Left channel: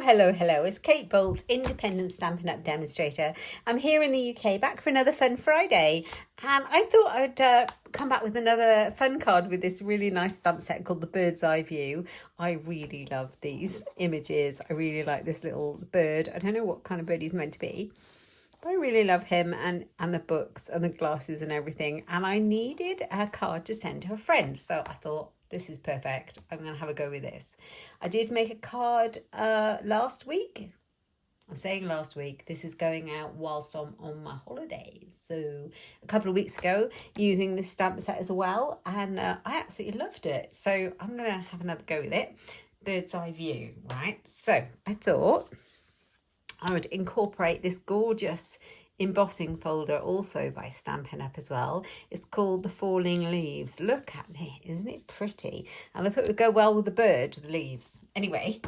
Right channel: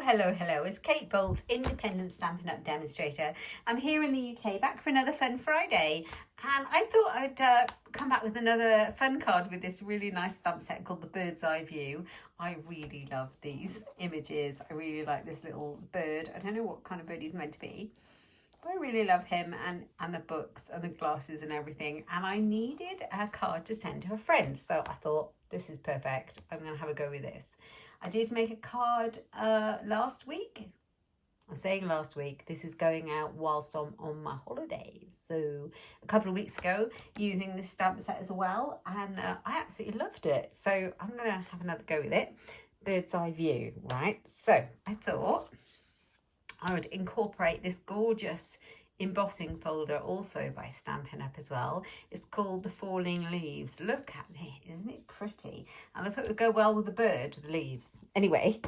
Hello. It's Kate Bolt, independent Stampin' Up demonstrator. I'm here in the UK, back for another fun Friday. And I thought I'd come back with another fun card with this really nice stamp set called the Bird's Eye View. I really love these images. I really like this little bird. I don't know what kind of bird he's meant to be, but I really love him and the books and the glasses and everything. And I needed a card to send to a friend. So I thought, this is perfect. I'm going to have a go with this. I did make a card last week. I'm saying last week. This is going out whilst I'm on my holidays. So a couple of weeks ago, using this stamp set as well. And I absolutely loved it. So I'm going to have another go with it. Bird's Eye View, right? So I thought I would incorporate this gorgeous embossing folder also by Stampin' Up as well. It's called The Falling Leaves. Look at it, isn't it pretty? And I thought it would go well with the bird, the leaves. Anyway,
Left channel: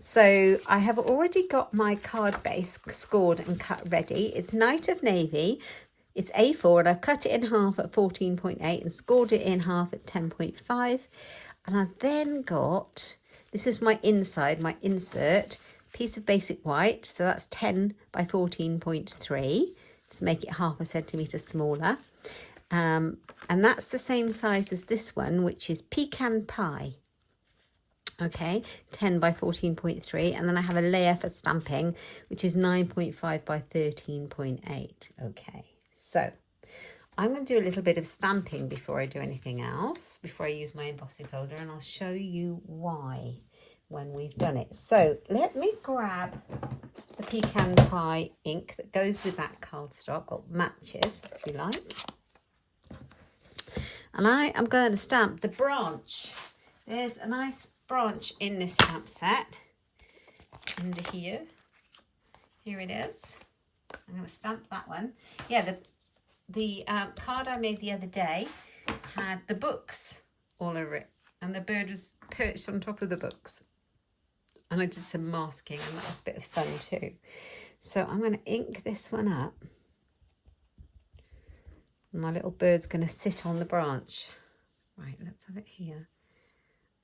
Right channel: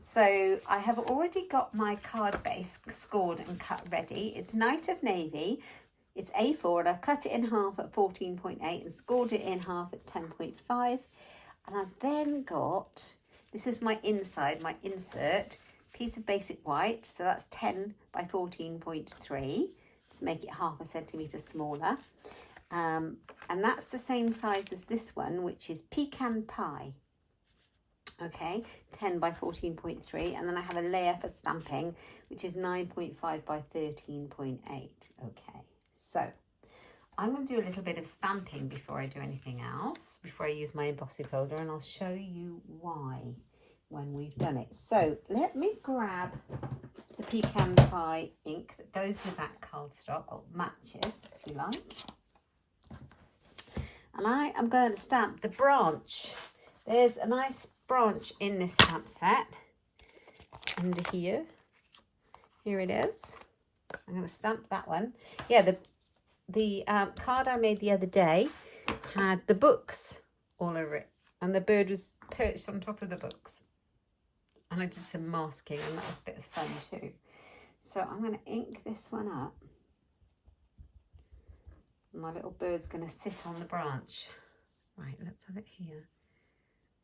so I have already got my card base scored and cut ready. It's Night of Navy. It's A4 and I've cut it in half at 14.8 and scored it in half at 10.5. And I've then got, this is my inside, my insert, piece of basic white, so that's 10 by 14.3 to make it half a centimetre smaller, and that's the same size as this one, which is Pecan Pie. Okay, 10 by 14.3, and then I have a layer for stamping, which is 9.5 by 13.8. Okay, so I'm going to do a little bit of stamping before I do anything else, before I use my embossing folder, and I'll show you why when we've done it. So let me grab the Pecan Pie ink that goes with that cardstock, or matches if you like, and I am going to stamp the branch. There's a nice branch in this stamp set under here. Here it is. I'm going to stamp that one. Yeah, the card I made the other day had the books all over it, and the bird was perched on top of the books. And I did some masking, and that was a bit of fun too. So I'm going to ink this one up. My little bird's going to sit on the branch. Right, let's have it here.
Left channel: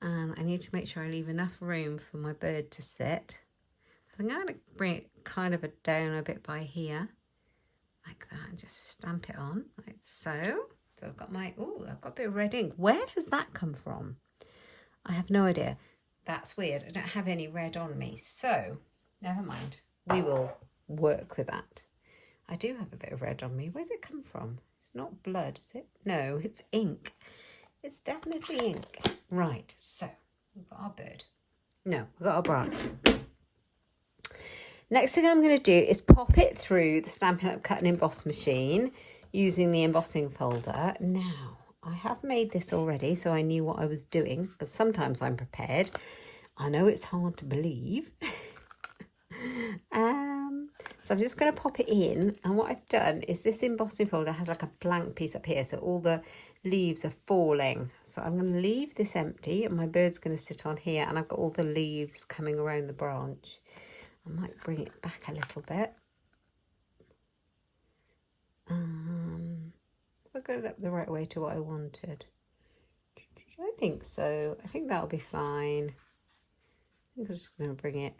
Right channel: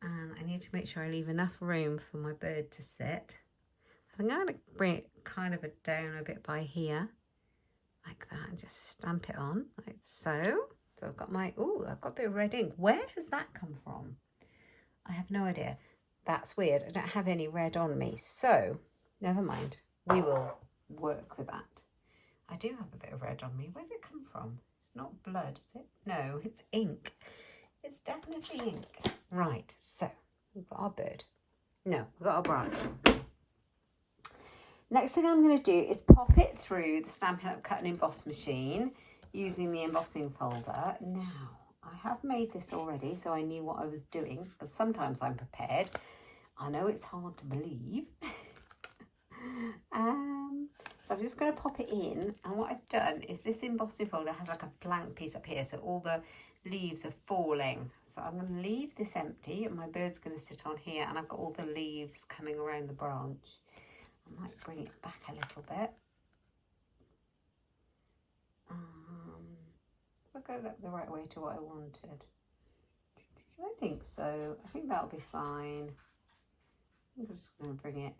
And I need to make sure I leave enough room for my bird to sit. I think I'm going to bring it kind of down a bit by here, like that, and just stamp it on, like so. So I've got my, I've got a bit of red ink. Where has that come from? I have no idea. That's weird. I don't have any red on me, so never mind. We will work with that. I do have a bit of red on me. Where's it come from? It's not blood, is it? No, it's ink. It's definitely ink. Right, so we've got our bird. No, we've got our branch. Next thing I'm going to do is pop it through the Stampin' Up cut and emboss machine using the embossing folder. Now, I have made this already, so I knew what I was doing, but sometimes I'm prepared. I know it's hard to believe. So I'm just going to pop it in, and what I've done is this embossing folder has like a blank piece up here, so all the leaves are falling. So I'm going to leave this empty, and my bird's going to sit on here, and I've got all the leaves coming around the branch. I might bring it back a little bit. I got it up the right way to what I wanted. I think so. I think that'll be fine. I think I'm just going to bring it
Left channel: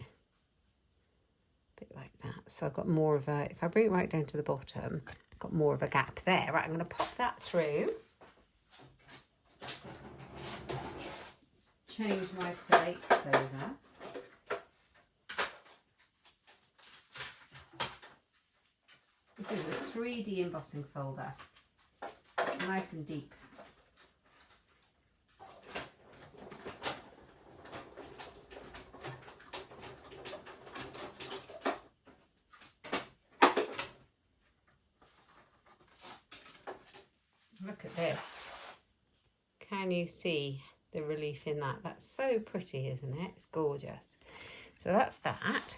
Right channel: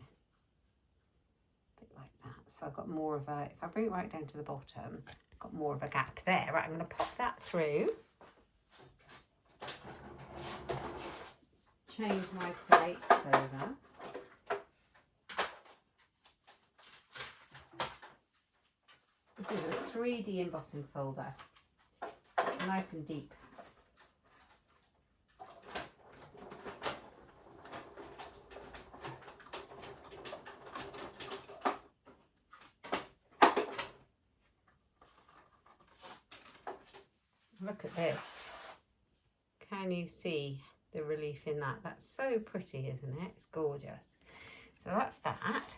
a bit like that. So I've got more of a, if I bring it right down to the bottom, I've got more of a gap there. Right, I'm going to pop that through. Let's change my plates over. This is a 3D embossing folder. Nice and deep. Look at this. Can you see the relief in that? That's so pretty, isn't it? It's gorgeous. So that's that.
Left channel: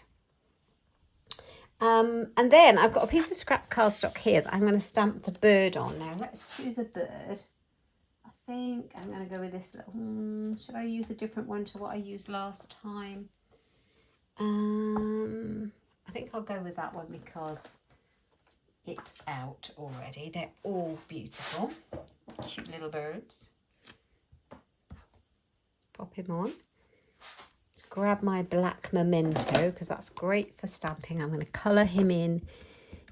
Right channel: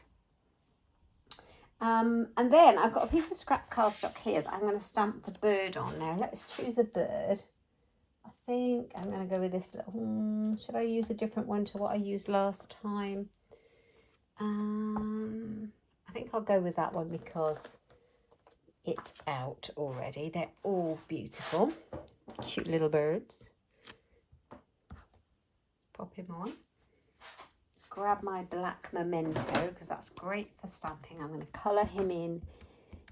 And then I've got a piece of scrap cardstock here that I'm going to stamp the bird on. Now let's choose a bird. I think I'm going to go with this little, should I use a different one to what I used last time? I think I'll go with that one because it's out already. They're all beautiful, cute little birds. Let's pop him on. Let's grab my black memento because that's great for stamping. I'm going to colour him in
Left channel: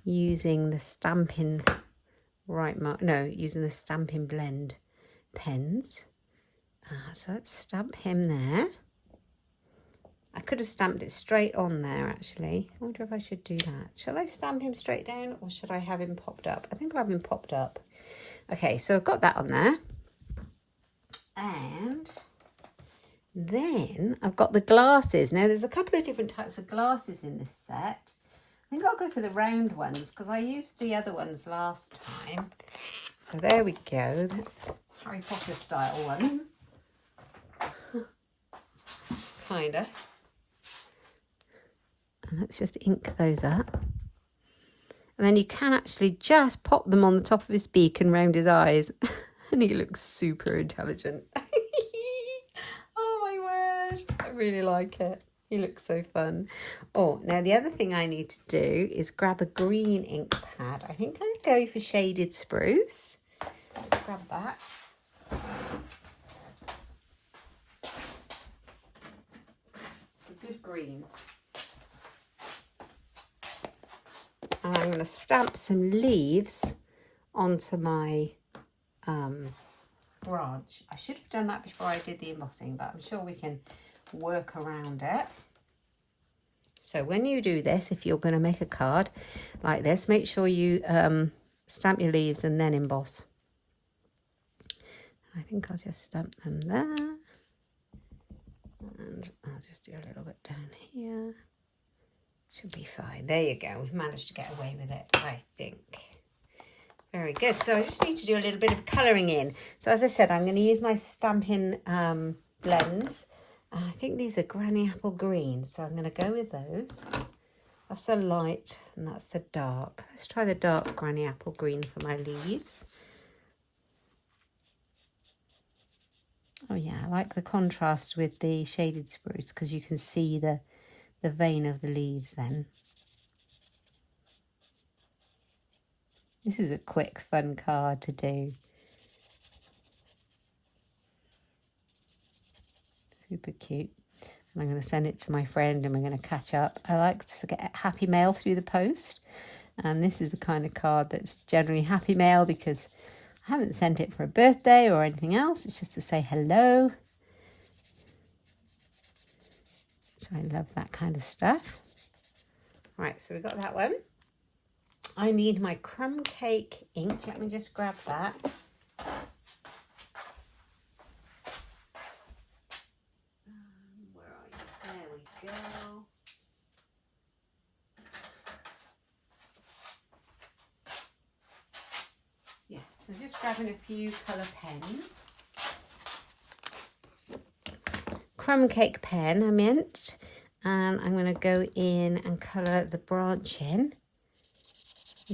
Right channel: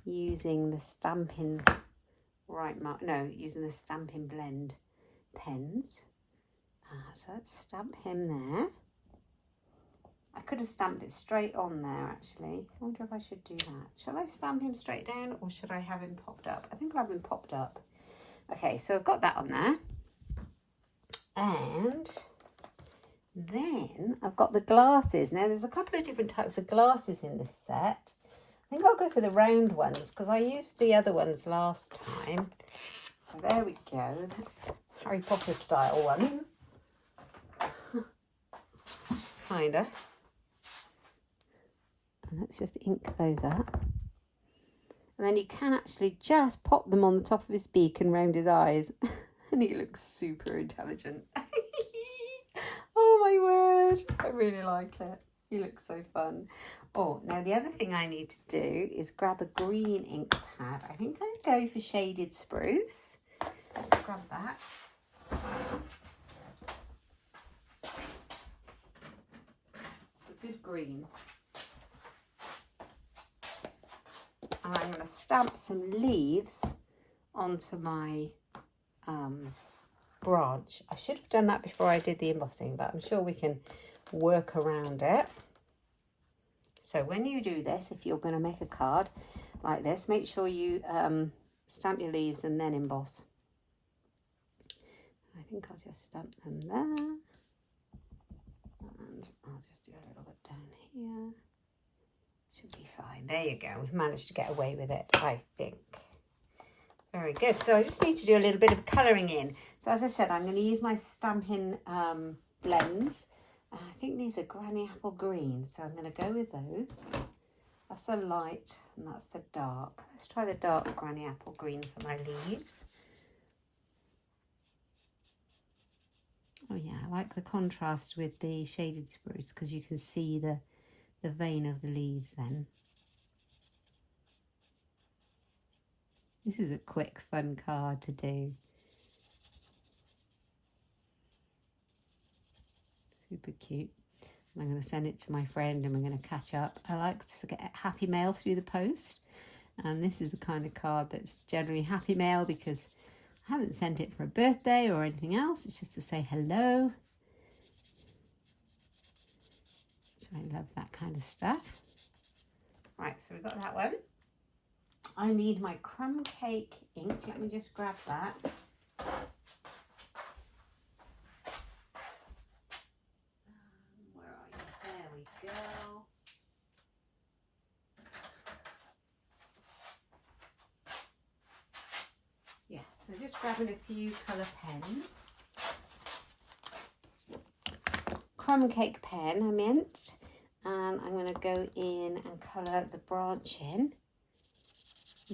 using the Stampin' using the Stampin' Blend pens. So let's stamp him there. I could have stamped it straight on there actually. I wonder if I should do that. Shall I stamp him straight down or should I have him popped up? I think I'll have him popped up. Okay, so I've got that on there. And then I've got the glasses. Now there's a couple of different types of glasses in this set. I think I'll go for the round ones because I used the other ones last time. So there we go. That's Harry Potter style ones. Kinda. And let's just ink those up. And then you can actually just pop them on the top of his beak and round his eyes. And he looks super intelligent. Oh my word. I really like it. He looks so fun. Oh, now the other thing I need to do is grab a green ink pad. I think I'd go for Shaded Spruce. Let's grab that. It's a good green. And I'm going to stamp some leaves onto my branch. I should have done that before I did the embossing, but I'm sure we can work around it. So when you do this, if you're going to make a card like this, make sure you stamp your leaves and then emboss. I think I'll just stamp them there. And I'll just do a little bit down here. Should be fine. There you go. We've managed to get away with it, I think. Very good. So I just need to do a little bit of colouring in. So as I said, I'm going to use my Stampin' blends. I think these are Granny Apple Green. So I'm going to go with those. That's the light and that's the dark. Let's try the dark Granny Apple Green for my leaves. Oh yeah, I like the contrast with the Shaded Spruce because you can see the vein of the leaves then. This is a quick, fun card to do. Super cute. And I'm going to send it to my friend and we're going to catch up. I like to get happy mail through the post. And this is the kind of card that's generally happy mail because I haven't sent it for a birthday or anything else. It's just to say hello. So I love that kind of stuff. Right, so we've got that one. I need my crumb cake ink. Let me just grab that. Where are you? There we go. Yeah, so just grabbing a few colour pens. Crumb cake pen, I meant. And I'm going to go in and colour the branch in.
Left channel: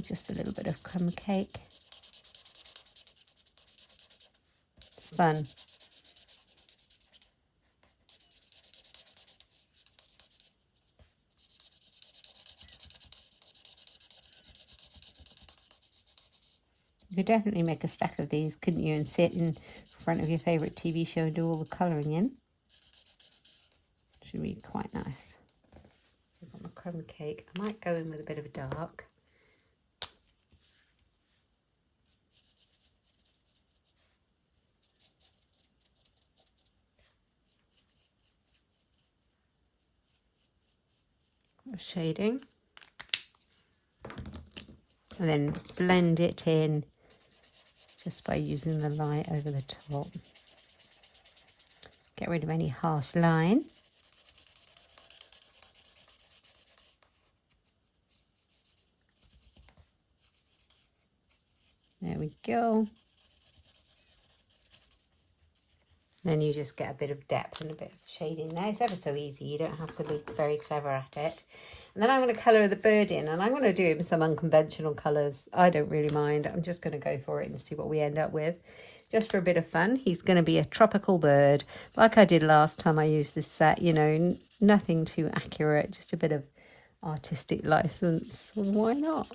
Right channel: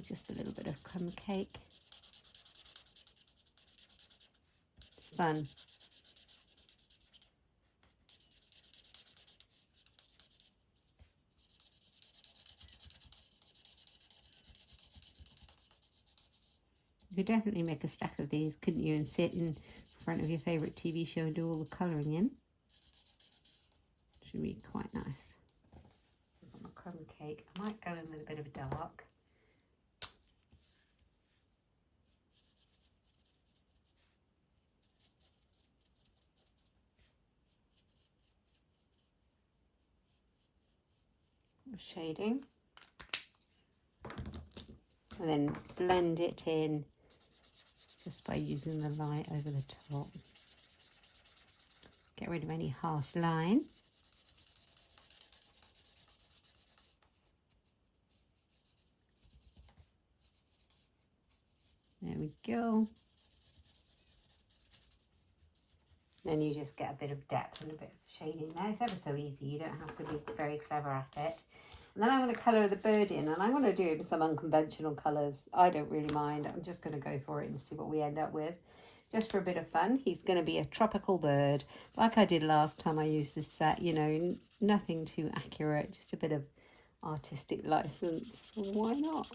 Just a little bit of crumb cake. It's fun. You could definitely make a stack of these, couldn't you, and sit in front of your favourite TV show and do all the colouring in. Should be quite nice. So I've got my crumb cake. I might go in with a bit of dark. Shading, and then blend it in just by using the light over the top. Get rid of any harsh line. There we go. Then you just get a bit of depth and a bit of shading there. It's ever so easy. You don't have to be very clever at it. And then I'm going to colour the bird in, and I'm going to do it with some unconventional colours. I don't really mind. I'm just going to go for it and see what we end up with. Just for a bit of fun. He's going to be a tropical bird, like I did last time I used this set. You know, nothing too accurate, just a bit of artistic license. Why not?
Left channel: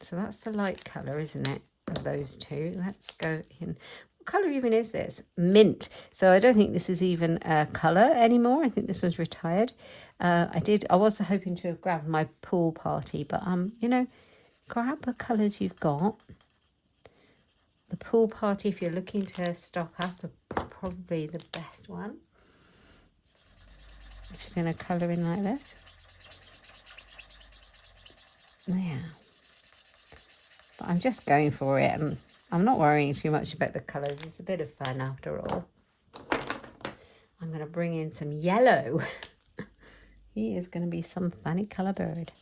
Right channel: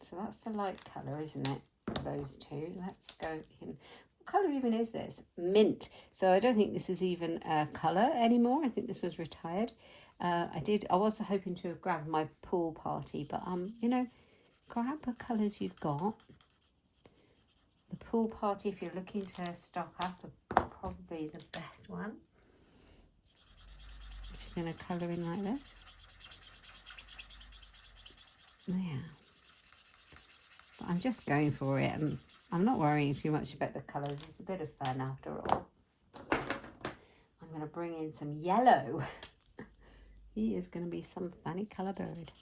So that's the light colour, isn't it, of those two. Let's go in. colour even is this? Mint. So I don't think this is even a colour anymore. I think this was retired. I was hoping to have grabbed my pool party, but you know, grab the colours you've got. The pool party, if you're looking to stock up, is probably the best one. If you're going to colour in like this. Yeah. But I'm just going for it, and I'm not worrying too much about the colours. It's a bit of fun after all. I'm going to bring in some yellow. He is going to be some funny colour bird.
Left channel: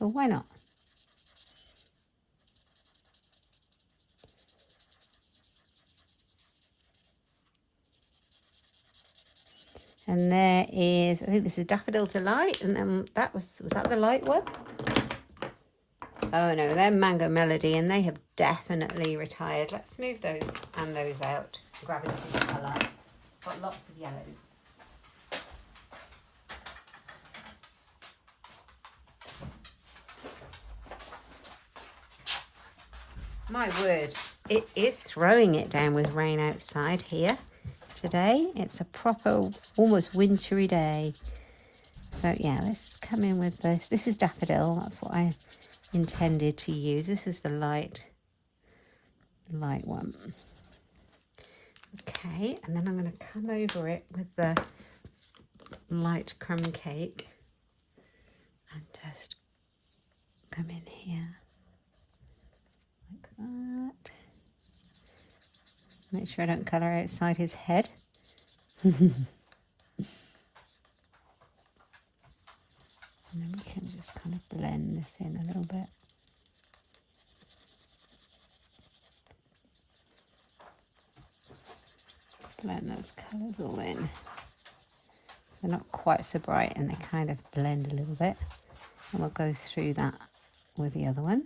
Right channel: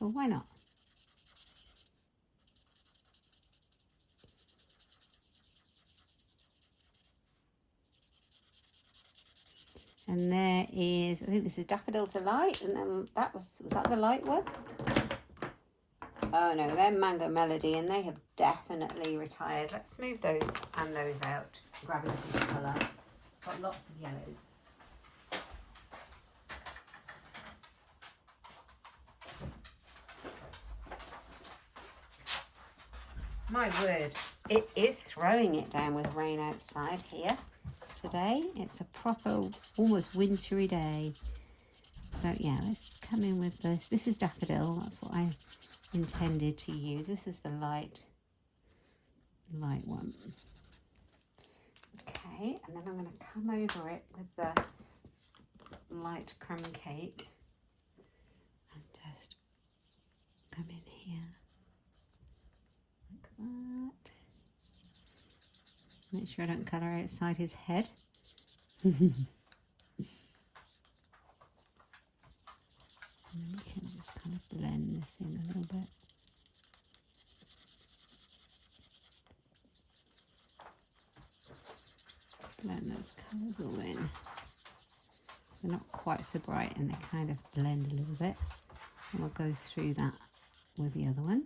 Well, why not? And there is, I think this is Daffodil Delight, and then was that the light one? Oh no, they're Mango Melody, and they have definitely retired. Let's move those and those out. Grab a different colour. Got lots of yellows. My word, it is throwing it down with rain outside here. Today it's a proper almost wintry day, so yeah, let's just come in with this. This is Daffodil, that's what I intended to use. This is the light one. Okay, and then I'm going to come over it with the light crumb cake and just come in here like that. Make sure I don't colour outside his head. And then we can just kind of blend this in a little bit. Blend those colours all in. They're not quite so bright and they kind of blend a little bit. And we'll go through that with the other one.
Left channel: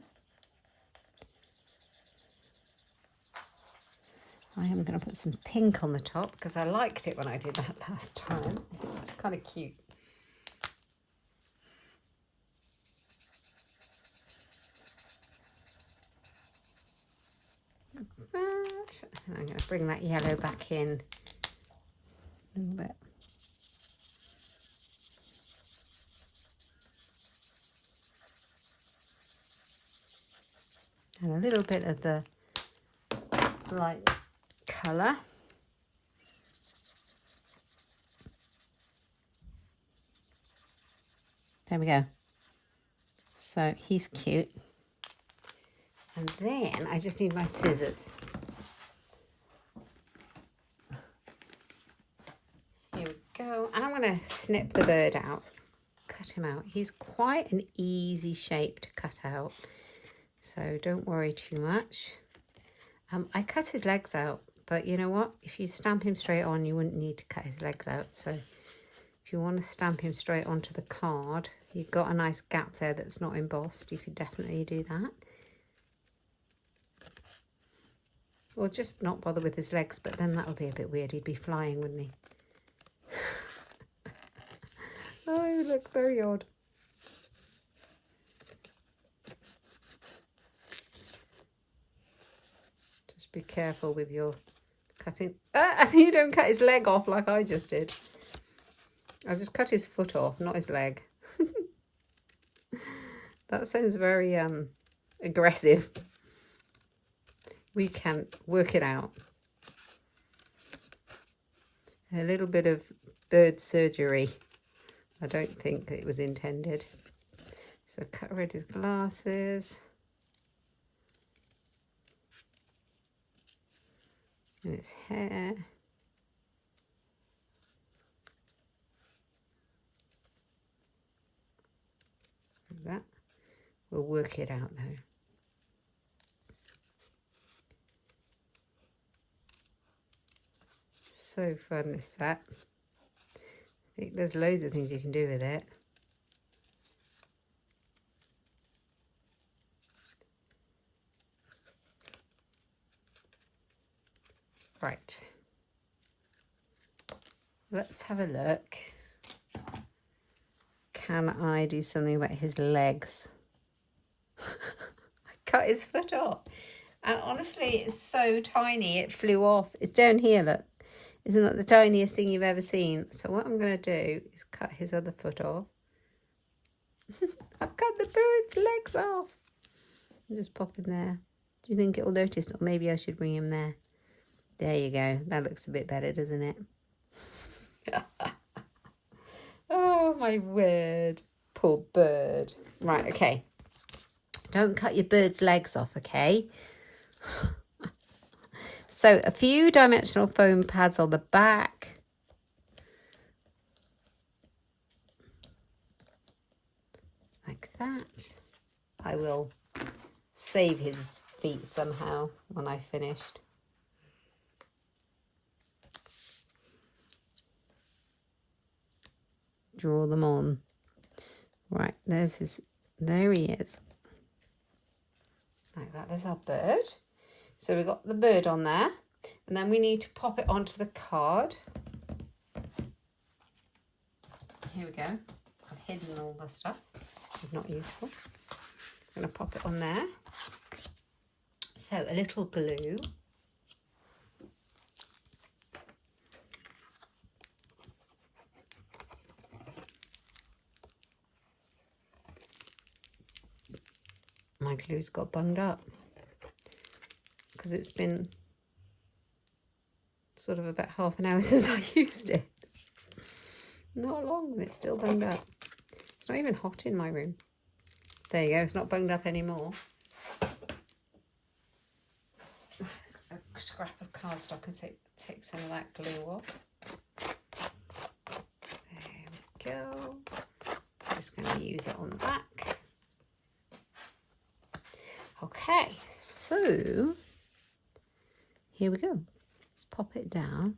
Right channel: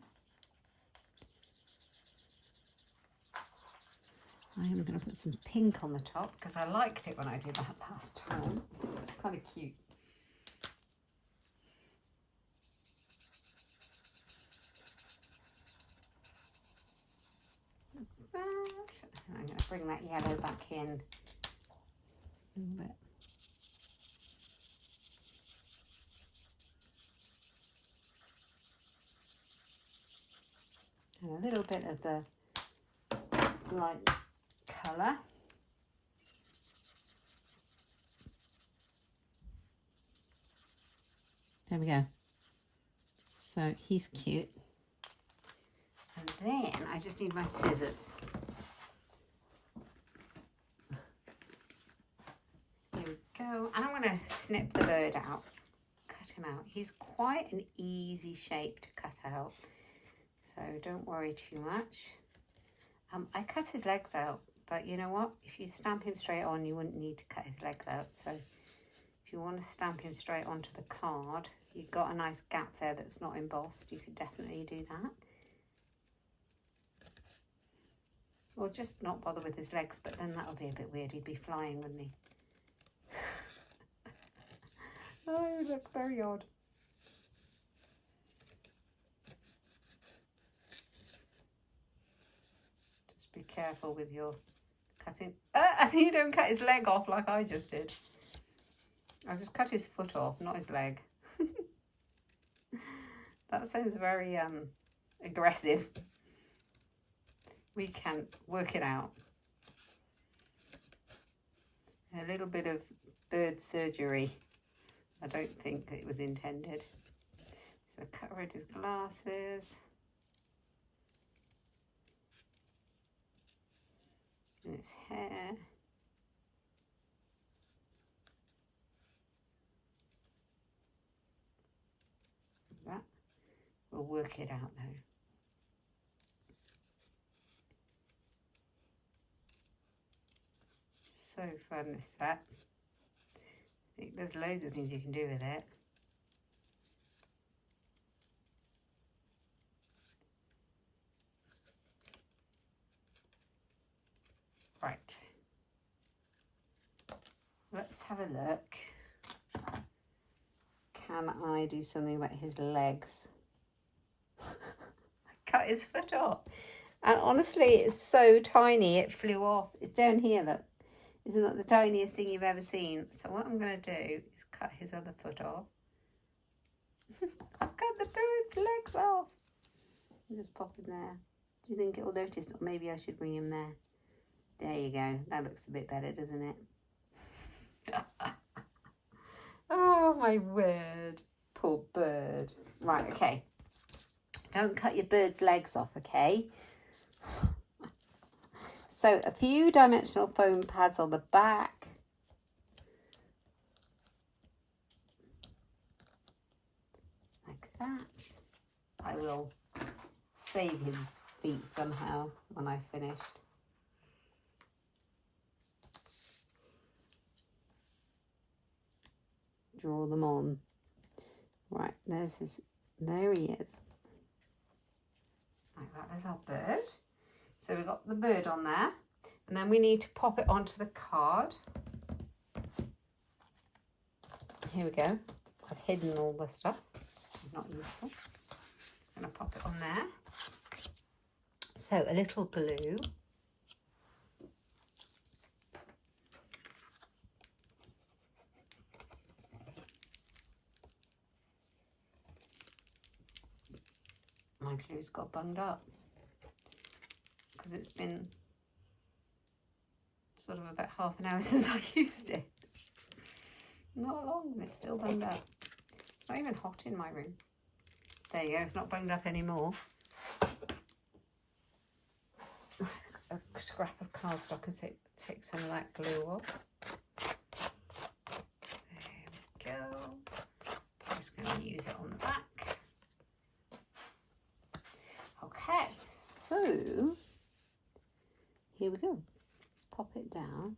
I am going to put some pink on the top because I liked it when I did that last time. It's kind of cute. Like that. And I'm going to bring that yellow back in a little bit. And a little bit of the light colour. There we go. So he's cute. And then I just need my scissors. Here we go. And I'm going to snip the bird out. Cut him out. He's quite an easy shape to cut out. So don't worry too much. I cut his legs out. But you know what? If you stamp him straight on, you wouldn't need to cut his legs out. So if you want to stamp him straight onto the card, you've got a nice gap there that's not embossed. You could definitely do that. Or just not bother with his legs, but then that would be a bit weird. He'd be flying, wouldn't he? Oh, he would look very odd. Just be careful with your cutting. You don't cut his leg off like I just did. I just cut his foot off, not his leg. That sounds very aggressive. We can work it out. A little bit of bird surgery. I don't think it was intended. So cut rid his glasses. And its hair. Like that. We'll work it out though. So fun, this set. I think there's loads of things you can do with it. Right. Let's have a look. Can I do something about his legs? I cut his foot off. And honestly, it's so tiny, it flew off. It's down here, look. Isn't that the tiniest thing you've ever seen? So what I'm going to do is cut his other foot off. I've cut the bird's legs off. I'll just pop him there. Do you think it'll notice? Or maybe I should bring him there. There you go. That looks a bit better, doesn't it? Oh, my word. Poor bird. Right, okay. Don't cut your bird's legs off, okay? So a few dimensional foam pads on the back. Like that. I will save his feet somehow when I've finished. Draw them on. Right, there he is. Like that, there's our bird. So we've got the bird on there, and then we need to pop it onto the card. Here we go. I've hidden all the stuff, which is not useful. I'm going to pop it on there. So a little glue. My glue's got bunged up because it's been sort of about half an hour since I used it. Not long, and it's still bunged up. It's not even hot in my room. There you go, it's not bunged up anymore. Let's get a scrap of cardstock and take some of that glue off. There we go. I'm just going to use it on the back. Okay, so here we go. Let's pop it down.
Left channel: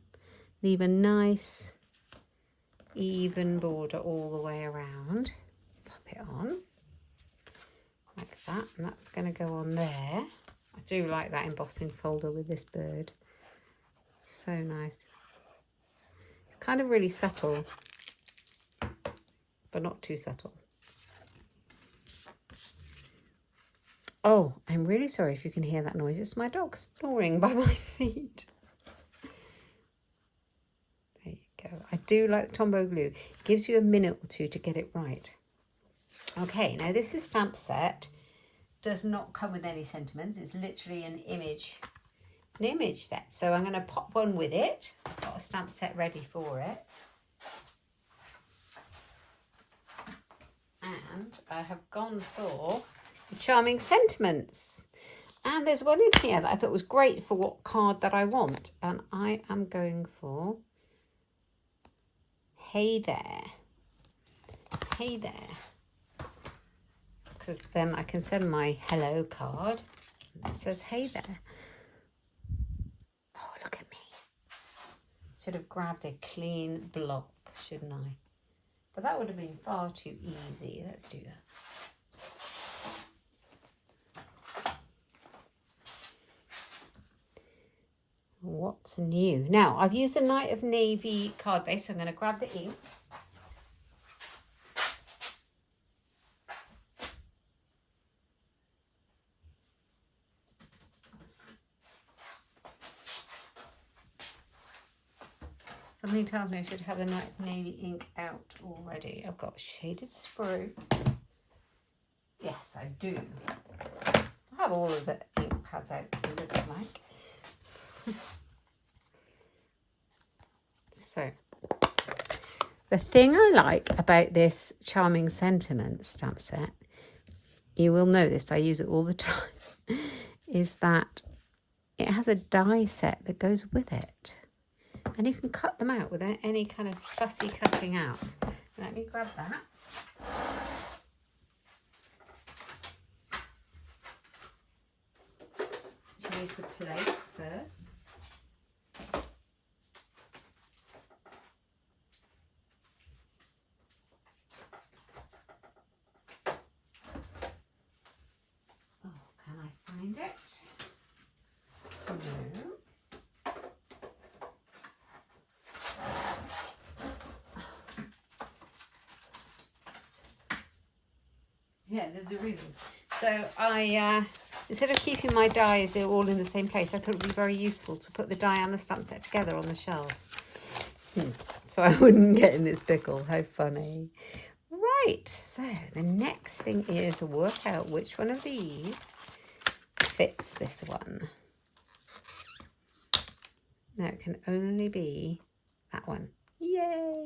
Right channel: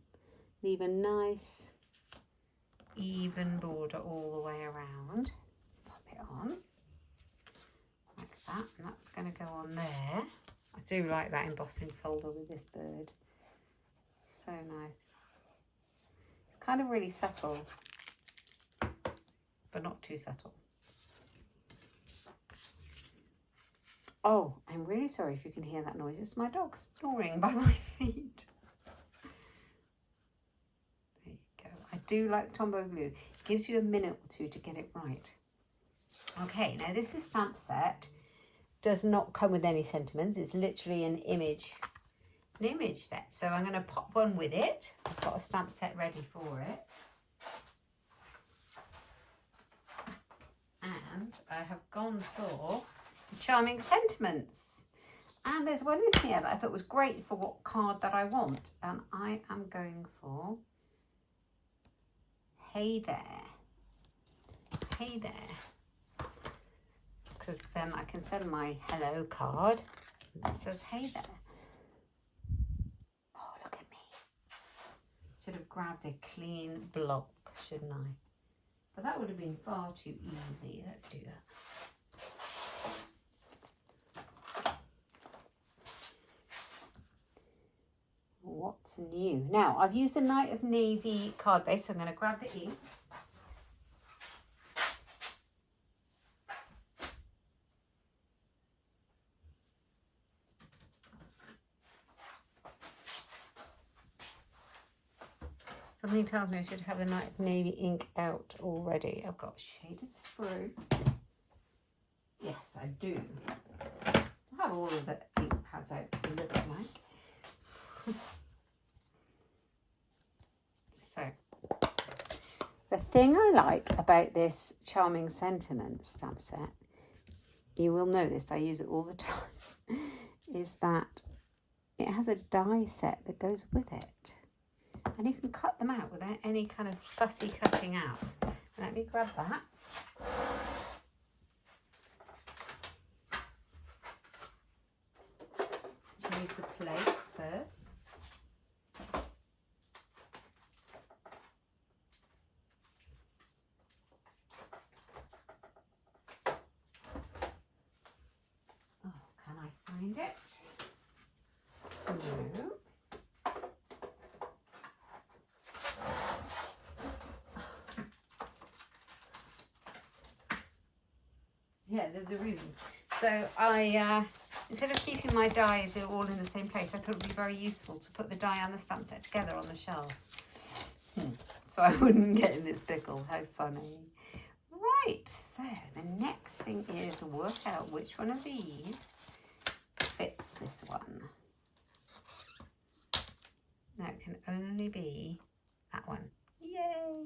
Leave a nice even border all the way around. Pop it on like that, and that's going to go on there. I do like that embossing folder with this bird. So nice. It's kind of really subtle, but not too subtle. Oh, I'm really sorry if you can hear that noise. It's my dog snoring by my feet. There you go. I do like the Tombow glue. It gives you a minute or two to get it right. Okay, now this is stamp set. Does not come with any sentiments. It's literally an image set. So I'm going to pop one with it. I've got a stamp set ready for it. And I have gone for Charming Sentiments, and there's one in here that I thought was great for what card that I want, and I am going for Hey There, Hey There, because then I can send my hello card that says Hey There. Oh, look at me. Should have grabbed a clean block, shouldn't I? But that would have been far too easy. Let's do that. What's new? Now, I've used a Night of Navy card base, so I'm going to grab the ink. Something tells me I should have the Night of Navy ink out already. I've got shaded spruce. Yes, I do. I have all of the ink pads out, it looks like. So, the thing I like about this Charming Sentiments stamp set, you will know this, I use it all the time, is that it has a die set that goes with it. And you can cut them out without any kind of fussy cutting out. Let me grab that. Use the plates first. Oh, can I find it? No. Yeah, there's a reason. So I instead of keeping my dies all in the same place, I thought it would be very useful to put the die and the stamp set together on the shelf. So I wouldn't get in this pickle. How funny. Right, so the next thing is work out which one of these fits this one. Now it can only be that one. Yay!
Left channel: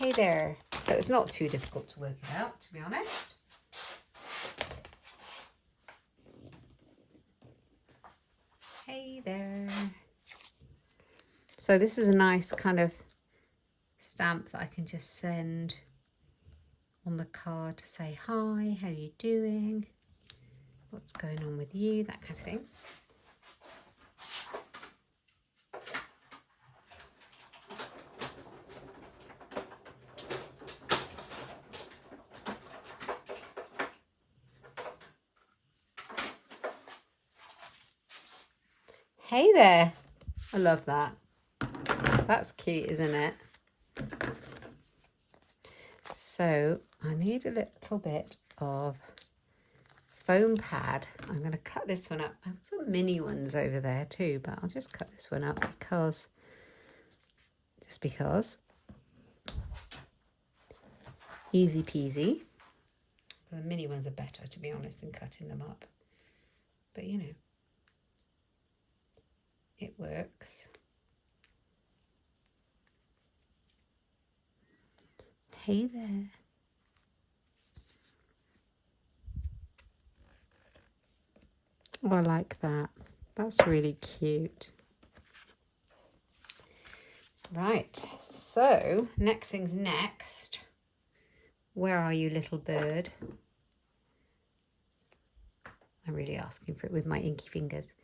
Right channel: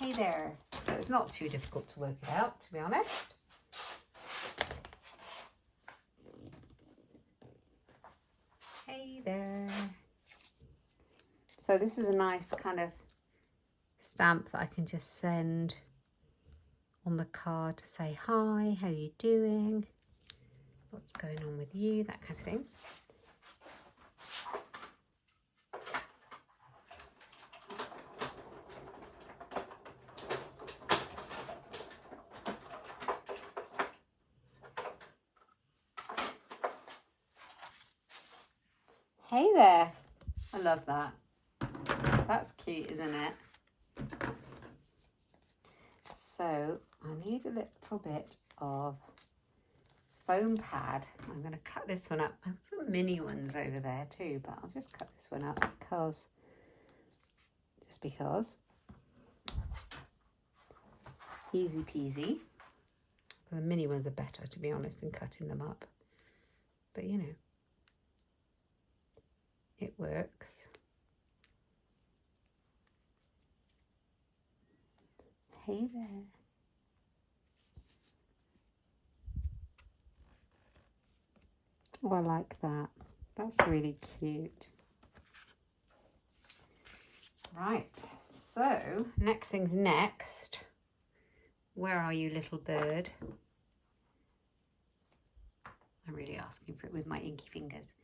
Hey there. So it's not too difficult to work it out, to be honest. Hey there. So this is a nice kind of stamp that I can just send on the card to say, hi, how are you doing? What's going on with you? That kind of thing. Hey there. I love that. That's cute, isn't it? So I need a little bit of foam pad. I'm going to cut this one up. I've got some mini ones over there too, but I'll just cut this one up because, just because. Easy peasy. The mini ones are better, to be honest, than cutting them up. But you know, it works. Hey there. Oh, I like that. That's really cute. Right, so next thing's next. Where are you, little bird? I'm really asking for it with my inky fingers.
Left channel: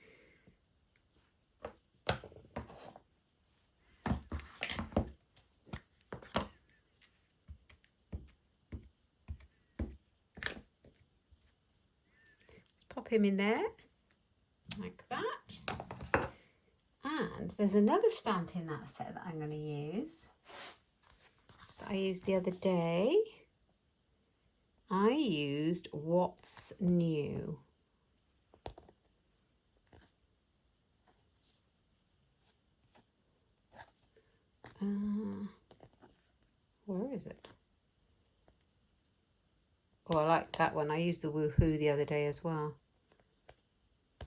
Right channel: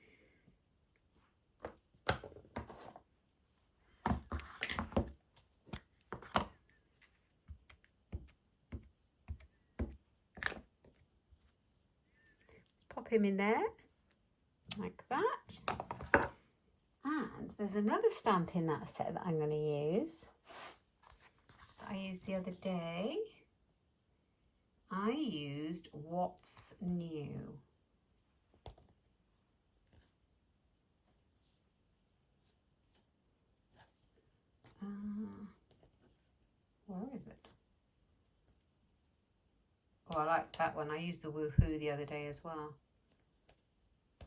Pop him in there, like that. And there's another stamp in that set that I'm going to use, that I used the other day. I used What's New. Where is it? Oh, I like that one. I used the Woohoo the other day as well.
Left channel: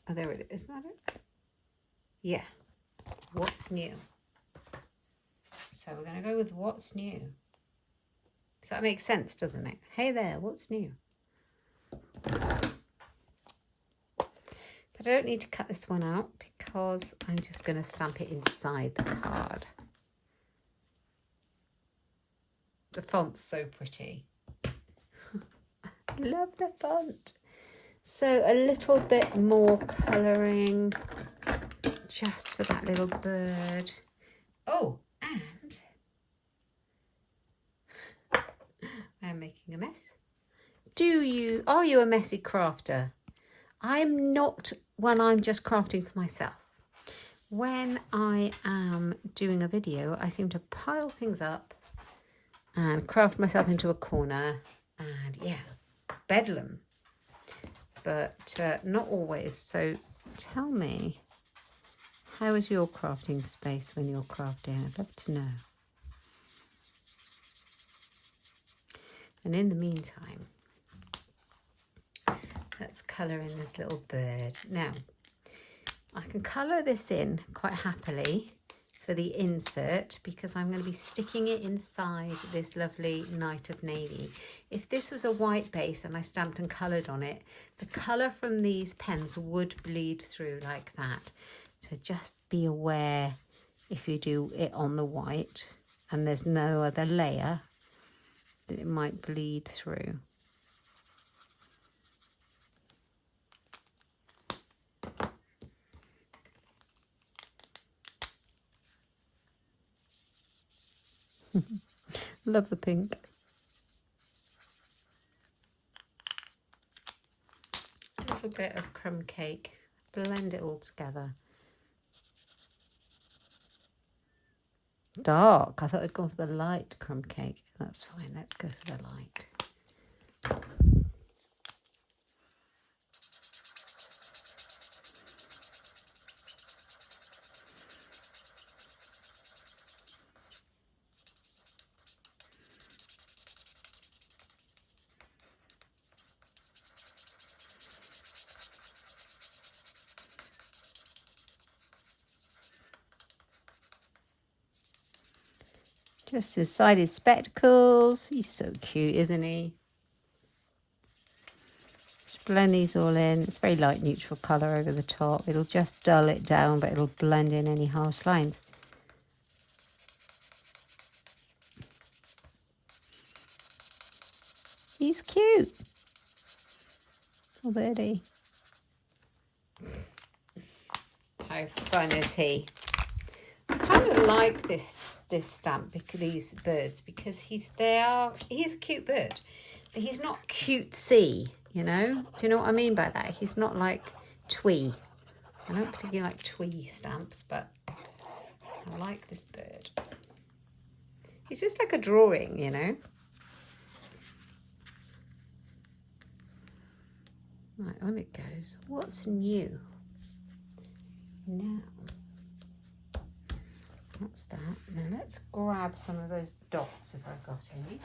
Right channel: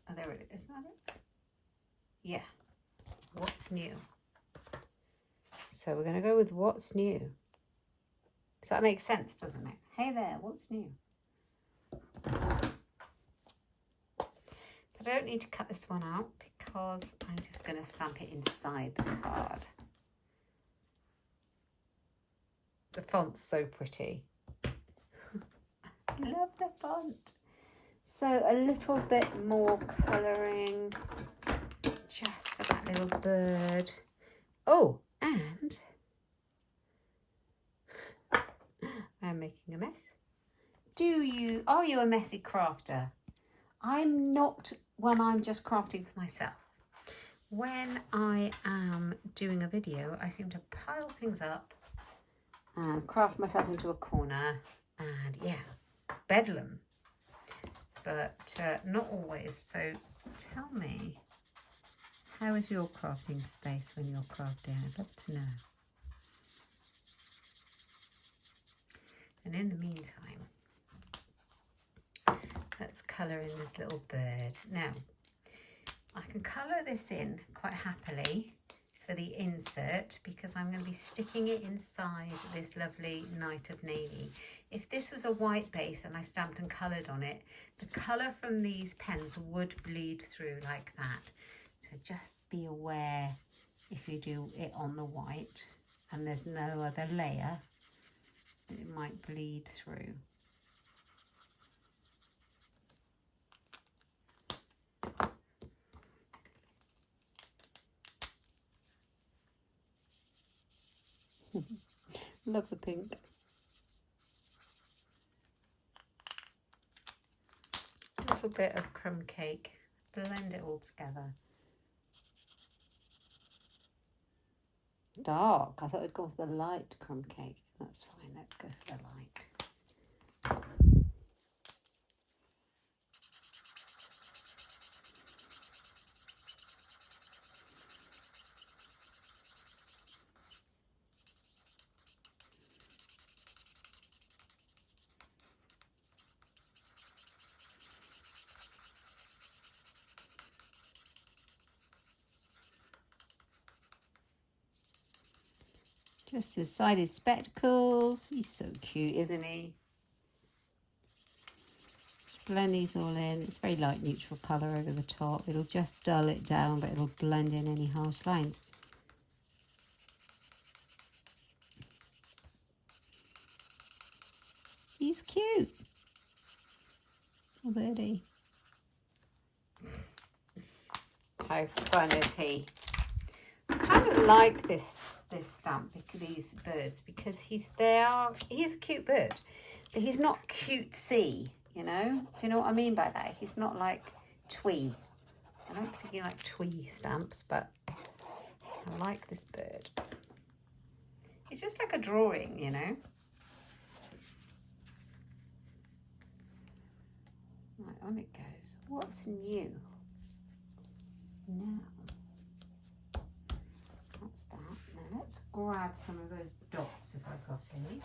Oh, there it is. Isn't that it? Yeah. What's New? So we're going to go with What's New. So that makes sense, doesn't it? Hey there, what's new? But I don't need to cut this one out because I'm just going to stamp it inside the card. The font's so pretty. I love the font. So a little bit more colouring just for that little bird. Oh, and I'm making a mess. Are you a messy crafter? I'm not when I'm just crafting for myself. When I am doing a video, I seem to pile things up and craft myself into a corner and yeah, bedlam. But not always. So tell me, how is your crafting space when you're crafting? I'd love to know. And in the meantime, let's colour in this little bird. Now, I can colour this in quite happily for the insert because I'm going to be sticking it inside this lovely Night of Navy. If this was a white base and I stamped and coloured on it, the colour from these pens would bleed through like that. So just be aware if you do it on the white and there's no other layer, that it might bleed through. Love the pink. A little bit of crumb cake. Blend it all together. Dark. I thought I'd go for the light crumb cake. That's fine. Let's go for the light. Just his side, his spectacles. He's so cute, isn't he? Just blend these all in. It's very light neutral colour over the top. It'll just dull it down, but it'll blend in any harsh lines. He's cute. Little birdie. How fun is he? I kind of like this stamp, because these birds, because he's a cute bird, but he's not cutesy, you know. Do you know what I mean by that? He's not like twee. I don't particularly like twee stamps, but I like this bird. He's just like a drawing, you know. Right, on it goes. What's new? Now, that's that. Now let's grab some of those dots if I've got any.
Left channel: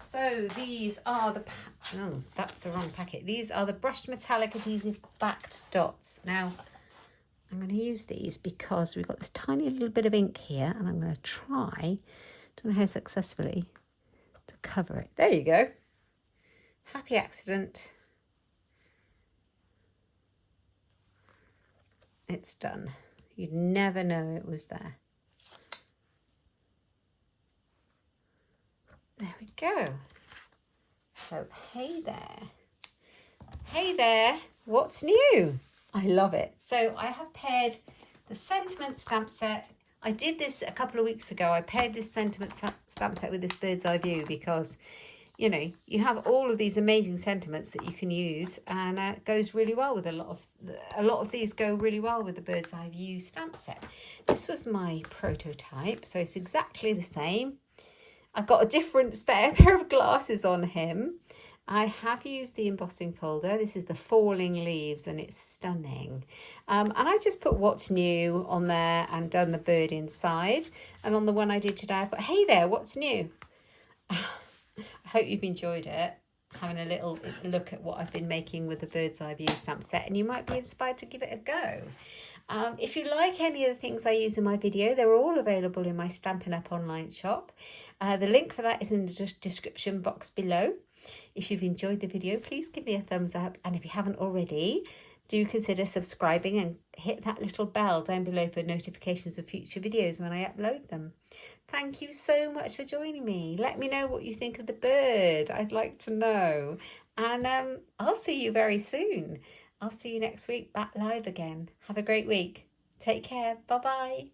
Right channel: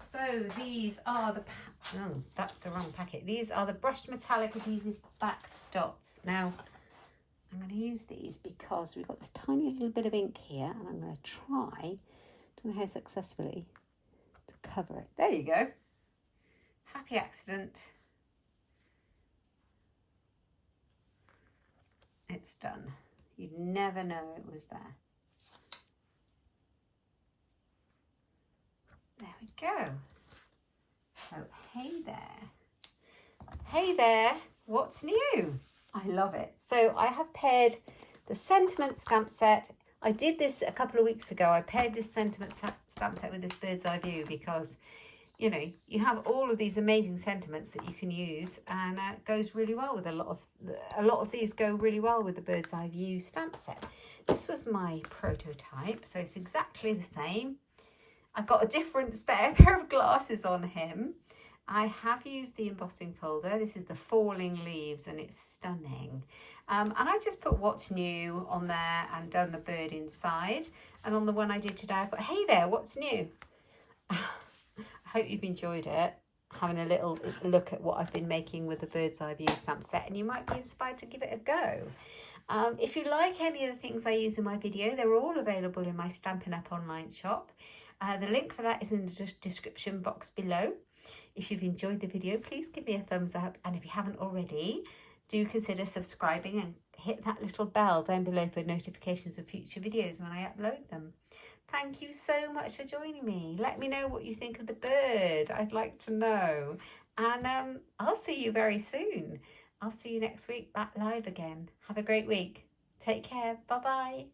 So these are the, oh, that's the wrong packet. These are the brushed metallic adhesive backed dots. Now, I'm going to use these because we've got this tiny little bit of ink here, and I'm going to try, don't know how successfully, to cover it. There you go. Happy accident. It's done. You'd never know it was there. There we go. So, hey there. Hey there, what's new? I love it. So I have paired the Sentiment stamp set. I did this a couple of weeks ago. I paired this Sentiment stamp set with this Bird's Eye View because, you know, you have all of these amazing sentiments that you can use, and it goes really well with a lot of these go really well with the Bird's Eye View stamp set. This was my prototype, so it's exactly the same. I've got a different spare pair of glasses on him. I have used the embossing folder. This is the Falling Leaves, and it's stunning. And I just put what's new on there and done the bird inside. And on the one I did today, I put, hey there, what's new? I hope you've enjoyed it, having a little look at what I've been making with the Bird's Eye View stamp set, and you might be inspired to give it a go. If you like any of the things I use in my video, they're all available in my Stampin' Up online shop. The link for that is in the description box below. If you've enjoyed the video, please give me a thumbs up, and if you haven't already, do consider subscribing and hit that little bell down below for notifications of future videos when I upload them. Thank you so much for joining me. Let me know what you think of the bird. I'd like to know. And I'll see you very soon. I'll see you next week back live again. Have a great week. Take care. Bye-bye.